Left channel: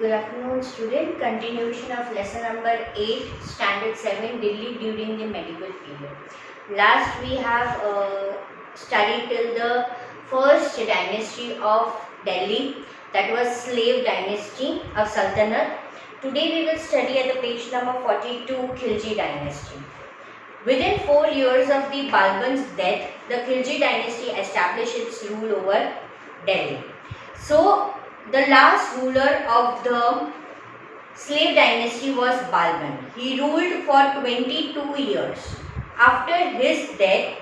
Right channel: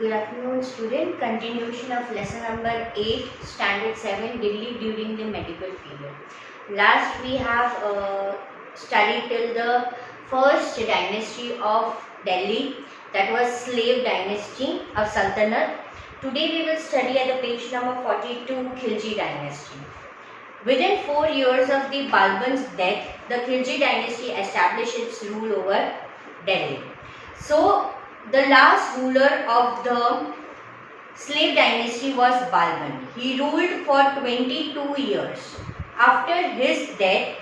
Good afternoon, student. Continuation of lesson number 8, standard 7, Delhi during the medieval period. Last we have studied till the first dynasty of Delhi, that was slave dynasty of Sultanate. Today we will study at the page number 42, Khilji dynasty. Within 4 years of the Balban's death, the Khilji dynasty established its rule over Delhi. So, the last ruler of the slave dynasty was Balban. He ruled for 22 years. After his death,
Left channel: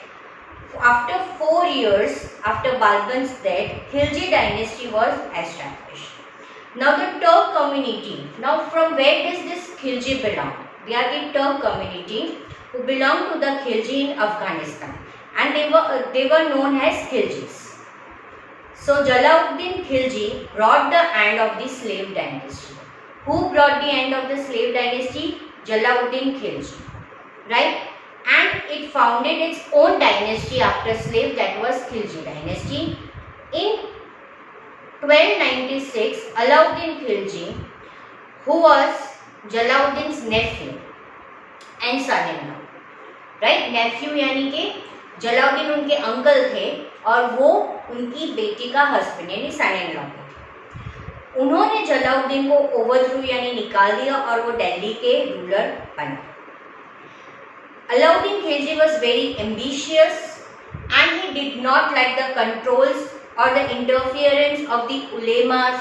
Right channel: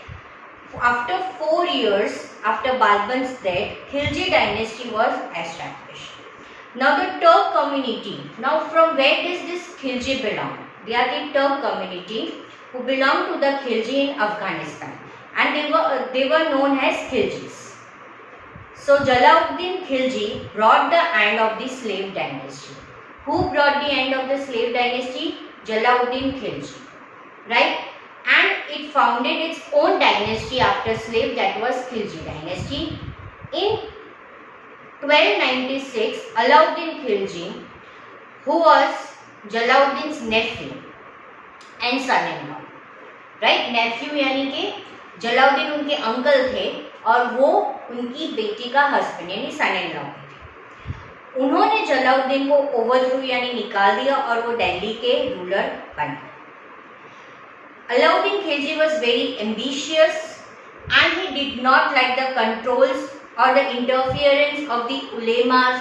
after 4 years after Balban's death, Khilji dynasty was established. Now the Turk community. Now from where does this Khilji belong? They are the Turk community who belong to the Khilji in Afghanistan, and they were known as Khiljis. So Jalauddin Khilji brought the end of the slave dynasty. Who brought the end of the slave dynasty? Jalauddin Khilji, right? And it founded its own dynasty after slave, that was Khilji dynasty. In 1296, Alauddin Khilji, who was Jalauddin's nephew and son-in-law, right? Nephew यानी कि जलाउद्दीन उनके uncle थे और वो उनकी बेटी का husband यानी सन इन लॉ थे। उन्होंने जलाउद्दीन को ओवरथ्रू यानी निकाल दिया और वो दिल्ली के रूलर बन गए। Alauddin Khilji was very ambitious and he did not like the controls or the interference of the ulemas,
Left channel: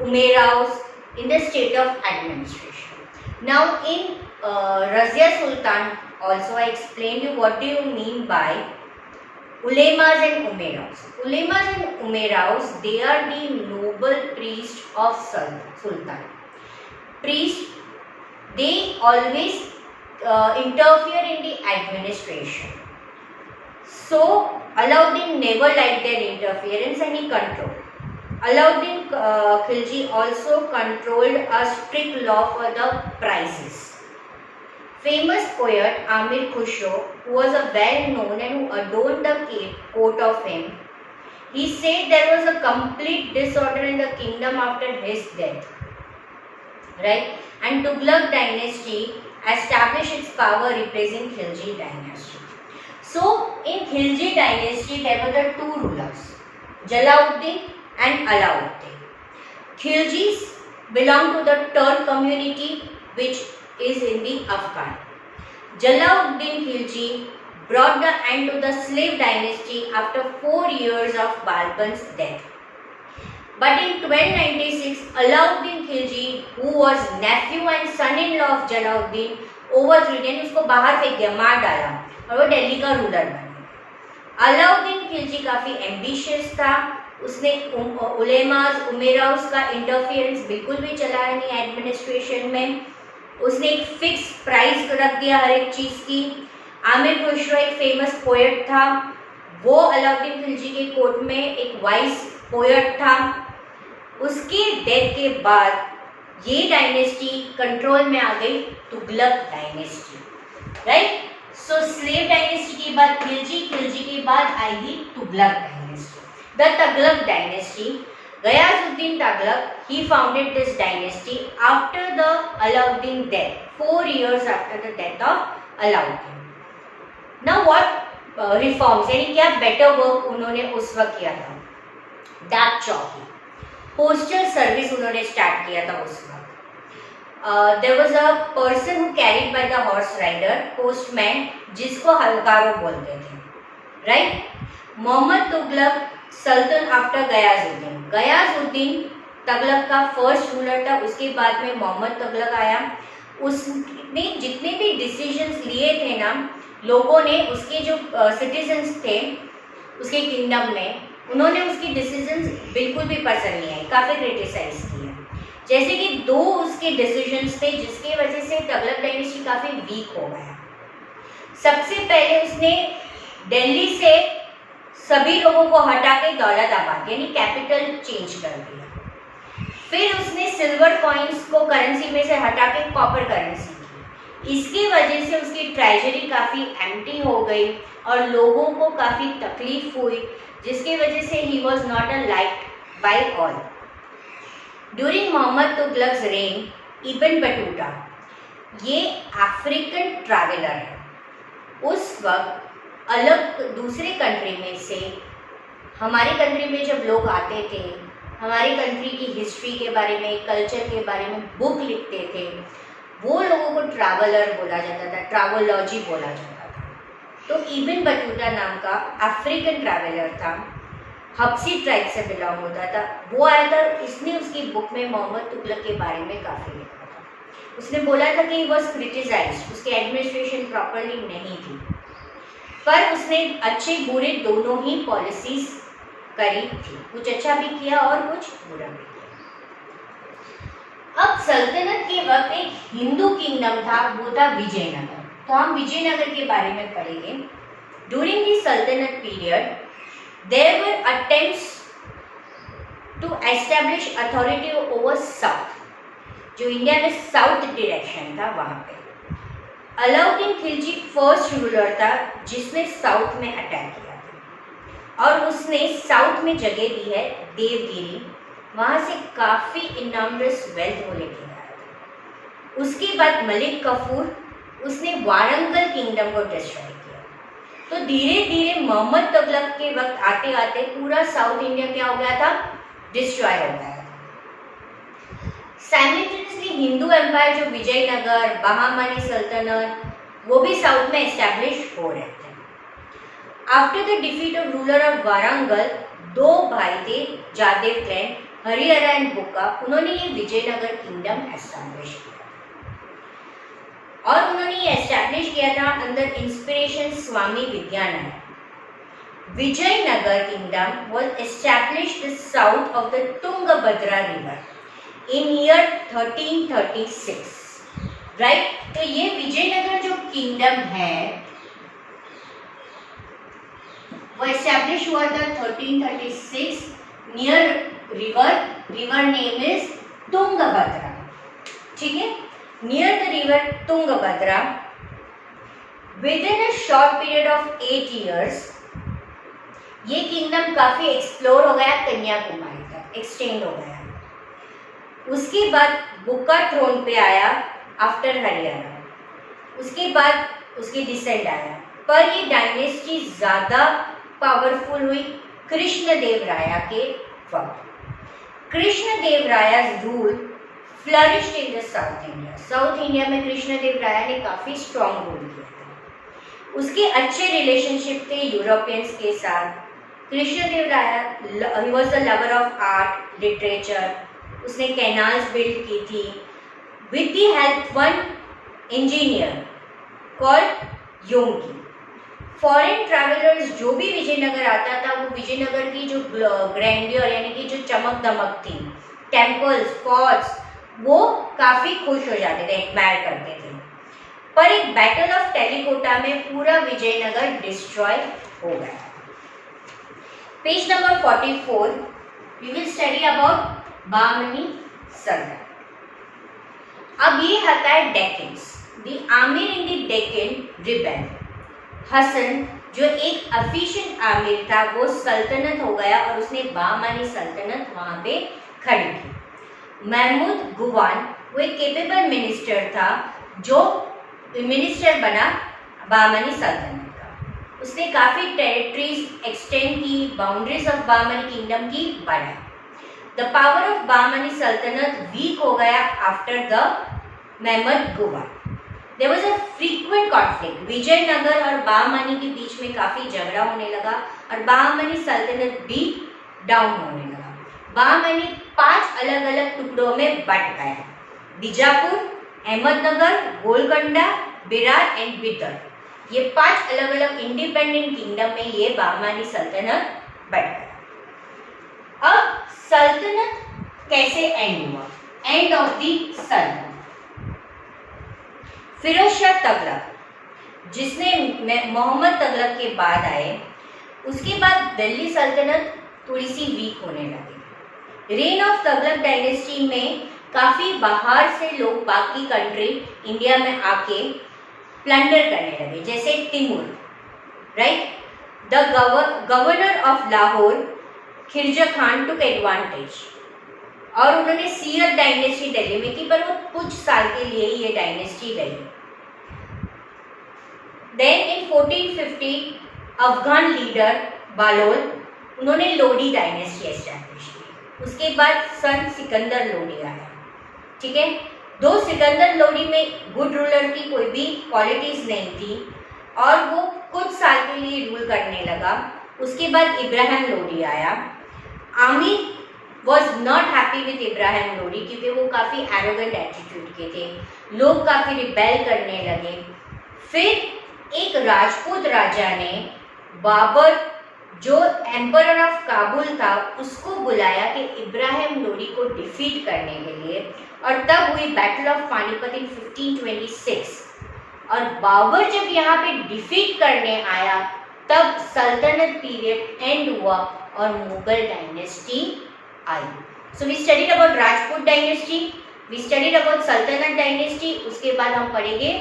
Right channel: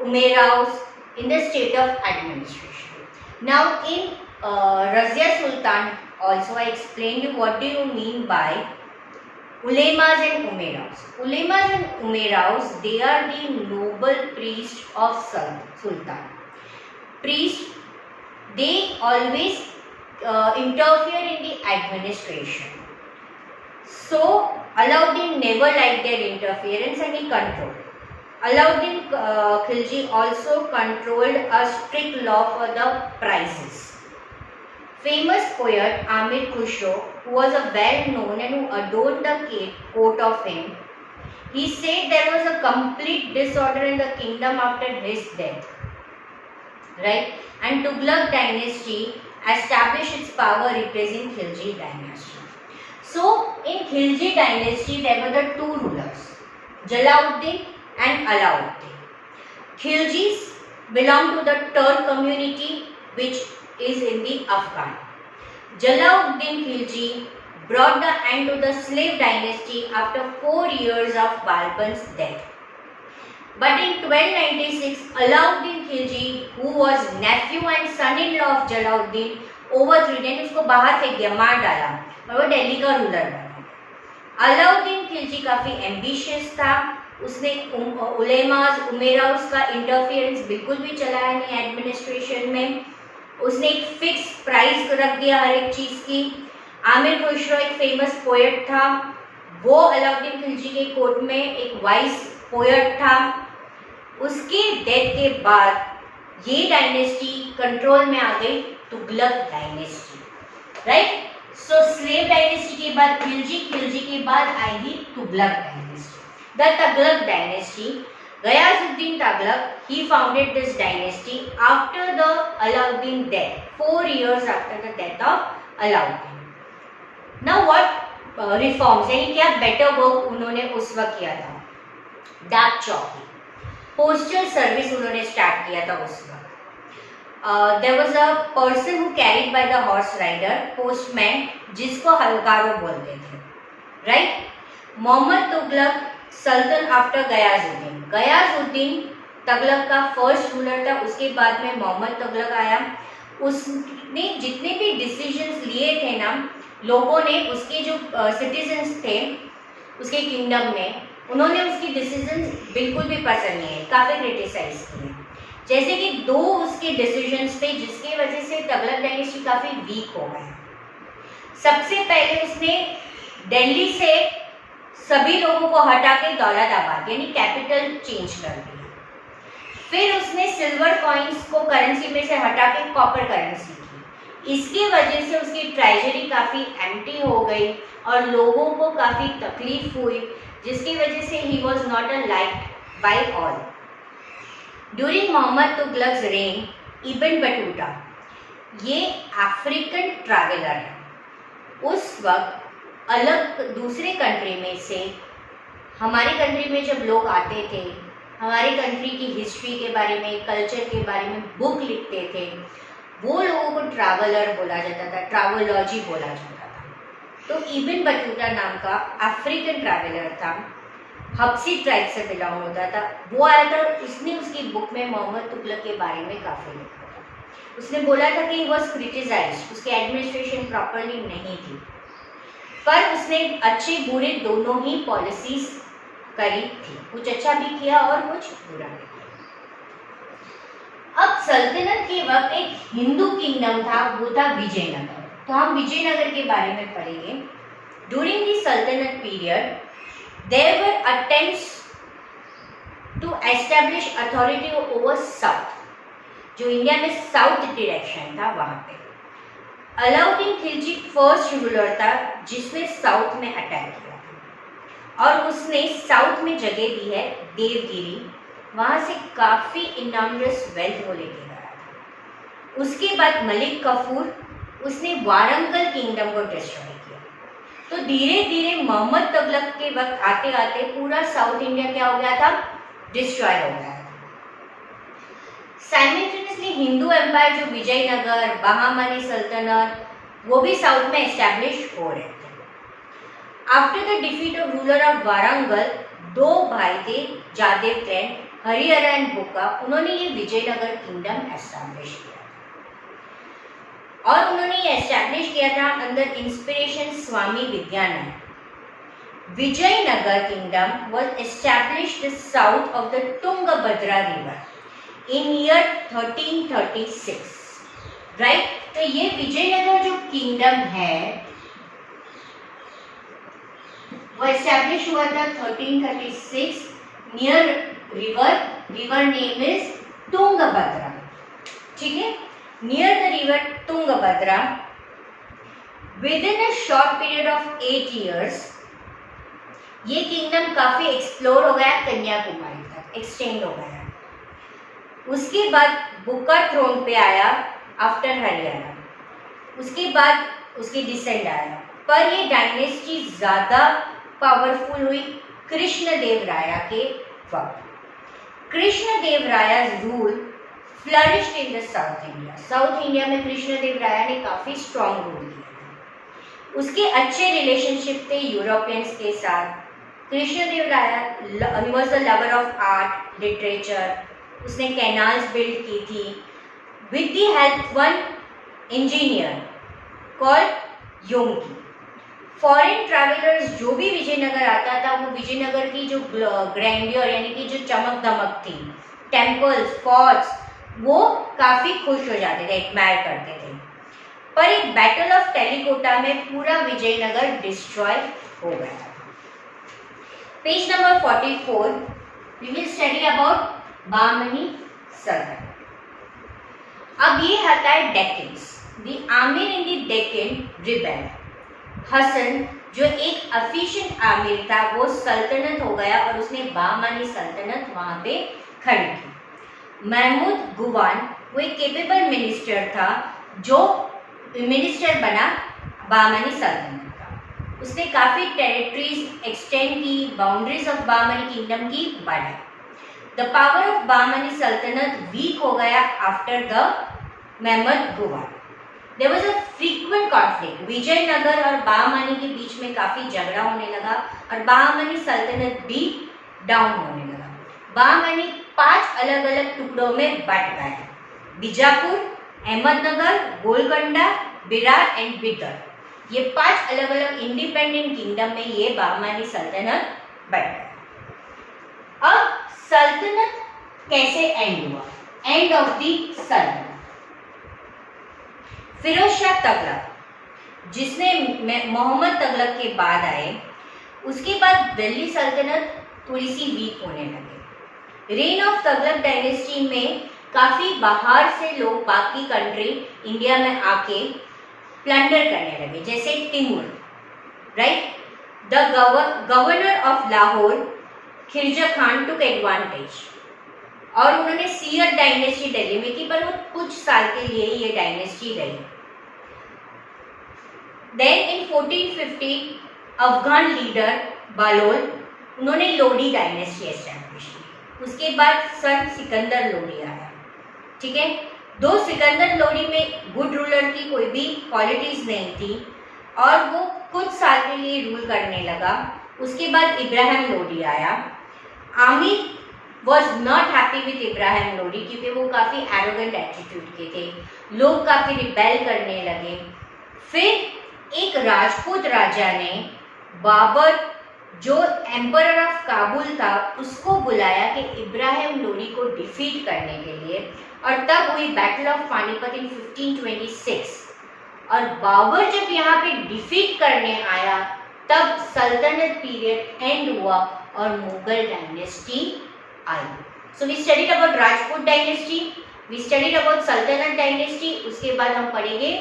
umeraus in the state of administration. Now in Razia Sultan also I explained you what do you mean by ulemas and umeraus. Ulemas and umeraus, they are the noble priests of Sultan. Priests, they always interfere in the administration. So Alauddin never liked their interference and he controlled. Alauddin Khilji also controlled a strict law for the prices. Famous poet Amir Khusro, who was a well-known and who adorned the court of him, he said there was a complete disorder in the kingdom after his death, right? And Tughlaq dynasty established its power replacing Khilji dynasty. So in Khilji dynasty there were the two rulers, Jalauddin and Alauddin. Khiljis belong to the Turk community which is in the Afghan. Jalauddin Khilji brought the end to the slave dynasty after 4 years of Balban's death. But in 1296, Alauddin Khilji, who was nephew and son-in-law of Jalauddin, overthrew यानी उसको बाहर फेंक दिया, मार डाला और वो दिल्ली का रूलर बना। अलाउद्दीन खिलजी काफ़ी एम्बिशियस था, उसने उलेमास उमेराउस का इंटरफियरेंस बिल्कुल भी चलाया नहीं एडमिनिस्ट्रेशन में। उसने एक फिक्स प्राइस रख दिया हर एक चीज़ की। आमिर खुसरो एक फेमस पोएट था, वो अलाउद्दीन खिलजी के कोर्ट में एक वाइस पोएट था। उसके डेथ के बाद ये डायनेस्टी कंट्रोल में आ गई, तुगलक डायनेस्टी, राइट। सो स्लेव डायनेस्टी के बाद खिलजी, खिलजी के बाद आएगी Tughlaq dynasty. The Tughlaq dynasty, Ghayasuddin Tughlaq, he founded this dynasty after the Alauddin death, 4 years after the death of Alauddin. Now what reforms, यानी क्या बेटर वर्क उन्होंने उस वक्त किया था? डाक चौकी, पोस्टल सर्विस उन्होंने स्टार्ट किया था उस वक्त। There was a person who carried by the horse rider, postman, जिसको हलकारो बोलते थे, राइट। मोहम्मद तुगलक सल्तन आफ्टर गयाजुद्दीन, गयाजुद्दीन तुगलक का फर्स्ट रूलर था, उसके बाद में मोहम्मद तुगलक आया। उसने जितने भी डिसीजंस लिए थे ना, लोगों ने, उसके जो सिटीजन्स थे उसके किंगडम में, उन्होंने उसकी डिसीजंस बिल्कुल भी पसंद नहीं आई, काफ़ी क्रिटिसाइज किया। जैसे कि 2 उसके डिसीजंस थे जिसकी वजह से तुगलक डायनेस्टी काफ़ी वीक हो गया। सबसे पहले उसने दिल्ली से सभी लोगों को हटा के दौलताबाद यानी कैपिटल चेंज कर दिया। फिर उसने सिल्वर कॉइन्स को करेंसी में से हटा के कॉपर करेंसी की। इसकी वजह से उसकी ट्रेजरी काफ़ी एम्प्टी हो गई और लोगों को काफ़ी तकलीफ हुई, जिसकी वजह से ही was not a liked by all. During Mohammad Tughlaq's reign Ibn Battuta, ये अफ्रीकन ट्रैवलर है, उस वक्त अलग दूसरे कंट्री में से हमारी कंट्री में जब लोग आते थे, हमारी कंट्री की हिस्ट्री के बारे में, कल्चर के बारे में बुक लिखते थे, वो लोगों को ट्रैवलर बोला जाता था, ट्रैवलॉजी बोला जाता था। तो इब्न बटूता नाम का अफ्रीकन ट्रैवलर था, हब्सी ट्राइब से बिलोंग होता था, वो आया था, उसने उसकी बुक में मोहम्मद तुगलक के बारे में काफ़ी लिखा था। उसने बोला था कि ही वॉज क्रिटिसाइज्ड, उसकी एडमिनिस्ट्रेशन प्रॉपरली नहीं थी, पर उसने अच्छे बुरे दोनों ही पॉलिसीज करी थी, कुछ अच्छा भी किया और कुछ बुरा भी किया। अब सल्तनत के वक्त एक हिंदू किंगडम था, वो था विजयनगर। तो हम विजयनगर के बारे में पढ़ेंगे। During the sultanate period there were attempts to establish authority over south, जो इंडिया में साउथ डायरेक्शन था वहां पे। अलाउद्दीन खिलजी फर्स्ट रूलर था जिसने साउथ में अटैक किया था, और उसने साउथ में जगह दी है देवगिरी, वहाँ से काफ़ी इनामरस वेल्थ वो लेके गया था। उसके बाद मलिक कफूर, उसने वारंगल किंगडम को डिस्ट्रॉय किया। तो धीरे धीरे मोहम्मद तुगलक के वक्त आते आते पूरा साउथ इंडिया क्या हो गया था, डिस्ट्रॉय हो गया था। साइमल्टेनियसली हिंदू एम्पायर जो विजयनगर, बहामनी सल्तनत, वो भी साउथ में एस्टैब्लिश हो रहे थे। After the defeat of ruler of Warangal, दो भाई थे जादेव क्लैन, हरिहर एंड बुक्का, उन्होंने ये विजयनगर किंगडम एस्टैब्लिश किया और उन्होंने ये एस्टैब्लिश किया था under inspiration Swami Vidyanand. Vijayanagar kingdom was established south of the Tungabhadra river in year 1336, right. तो ये विजयनगर जो किंगडम है वो एस्टैब्लिश हुआ था 1336 near river name is Tungabhadra, ठीक है, near the river Tungabhadra. With in a short period of 8 years ये किंगडम काफी एक्सप्लोर हो गया, कन्याकुमारी तक एक्सटेंड हो गया। उसके बाद बुक्का थ्रोन पे आया आफ्टर हरियाणा, उसके बाद उसके डिसेंड आया, पर ये डायनेस्टी ज़्यादा पावरफुल हुई कृष्णदेवराया के वक्त। Krishnadevaraya's rule flourished in the south India. South India में कृष्णदेवराया ने काफ़ी स्ट्रॉन्ग रूल किया था। उसके अच्छे रिलेशनशिप थे यूरोपियंस के साथ। Krishnadevaraya he was the lover of art literature, उसने कैनाल्स बिल्ड की थी with the help one engineer called योंगी। फॉरेन ट्रैवलर्स जो भी विजयनगर आता था वो विजयनगर की जो ग्रैंडियर यानी कि जो चमक दमक थी, टेम्पल्स, फोर्ट्स, वो काफ़ी खुश हो जाते थे, एडमायर करते थे। पर एक बैटल ऑफ टेलीकोटा में पूरा विजयनगर डिस्ट्रॉय हो गया। Page number 44 we will study about Bahmani सल्तनत। अब ये आता है Deccans. The amir in the Deccan rebel. Hasan जो एक एफिशिएंट आमिर था वो सल्तनत हो गया और उसने बहामनी सल्तनत वहाँ पे खड़ी की। महमूद गुवान वो एक केपेबल मिनिस्टर था जो मिनिस्टर बना बहामनी सल्तनत का। उसने काफ़ी टेरिटरीज एक्सटेंड की, बाउंड्रीज ऑफ बहामनी किंगडम की बढ़ाई। द पावर ऑफ बहामनी सल्तनत वीक हो गया after the Mahmud Gawan. There was a frequent conflict. Vijayanagar और बहामनी के बीच में काफ़ी झगड़ा होने लगा और बहामनी सल्तनत भी डाउन होने लगा। बहामनी 5 अलग अलग टुकड़ों में बट गया। बीजापुर, अहमदनगर, गोलकोंडा, बिरार एंड बिदर, ये 5 अलग अलग इंडिपेंडेंट किंगडम में ये बहामनी सल्तनत बट गया। अब सल्तनत कैसे एंड हुआ? एंड ऑफ द सल्तनत। फिरोज शाह तुगलक जिसने मोहम्मद तुगलक के बाद आए, उसके बाद दिल्ली सल्तनत थोड़ी सी वीक होने लगी। रेन ऑफ तुगलक डायनेस्टी में काफ़ी बाहर से लोग बाकी कंट्री इंडिया में आके प्लंडर करने लगे, जैसे Timur, right. The governor of Lahore खिरजा खान टुक एडवांटेज और उन्होंने सीयद डायनेस्टी दिल्ली में की, पर वो कुछ साल के लिए ये डायनेस्टी रही। देन इन 1450 अफगान लीडर बालोल, उन्होंने लोडी डायनेस्टी एस्टैब्लिश की। उसके बाद सन सिकंदर लोडी आया, ठीक है। दो सिकंदर लोडी में गुड रूलर की कोई भी क्वालिटीज नहीं थी और वो कुछ साल के लिए रूल करने लगा। उसके बाद इब्राहिम लोडी आया। Aamir was not happy with Ibrahim Lodi क्योंकि वो काफ़ी एरोगेंट एटीट्यूड के थे, लोग काफ़ी रिबेल करने लगे। फिर एक राजपूत राजा ने बाबर जो एम्परर ऑफ काबुल था उसको बुलाया कि इब्राहिम लोडी को डिफीट करने के लिए, और तब हुई बैटल ऑफ पानीपत इन 1526। और बाबर जब यहाँ पे डिफीट करने आया तब सल्तनत पीरियड एंड हुआ और मुगल डायनेस्टी आई। So we studied about Rajput dynasty, we studied about sultanate dynasty, उसके बाद हम पढ़ेंगे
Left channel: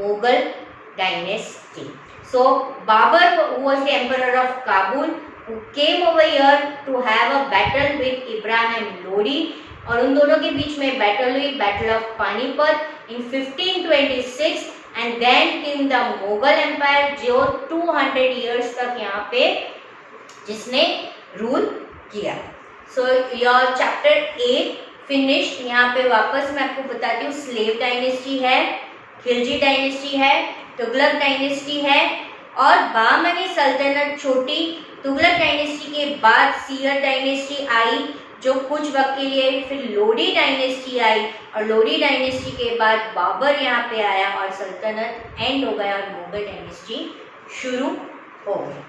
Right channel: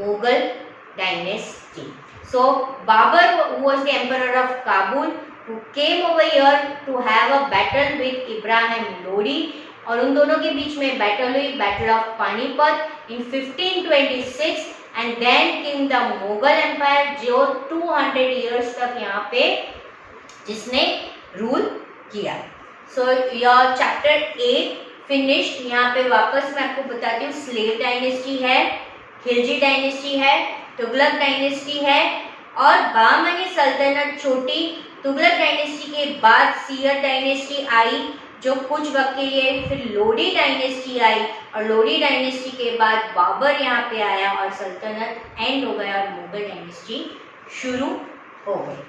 Mughal dynasty. So Babur, who was the emperor of Kabul, who came over here to have a battle with Ibrahim Lodi, और उन दोनों के बीच में बैटल हुई, battle of Panipat in 1526, and then came the Mughal empire जो 200 इयर्स तक यहाँ पे जिसने रूल किया। So your chapter 8 finished. यहाँ पे वापस मैं आपको बताती हूँ, स्लेव डायनेस्टी है, खिलजी डायनेस्टी है, तुगलक डायनेस्टी है और बहमनी सल्तनत छोटी। तुगलक डायनेस्टी के बाद सीयद डायनेस्टी आई जो कुछ वक्त के लिए, फिर लोडी डायनेस्टी आई और लोडी डायनेस्टी के बाद बाबर यहाँ पे आया और सल्तनत एंड हो गया और मुगल डायनेस्टी शुरू हो गई।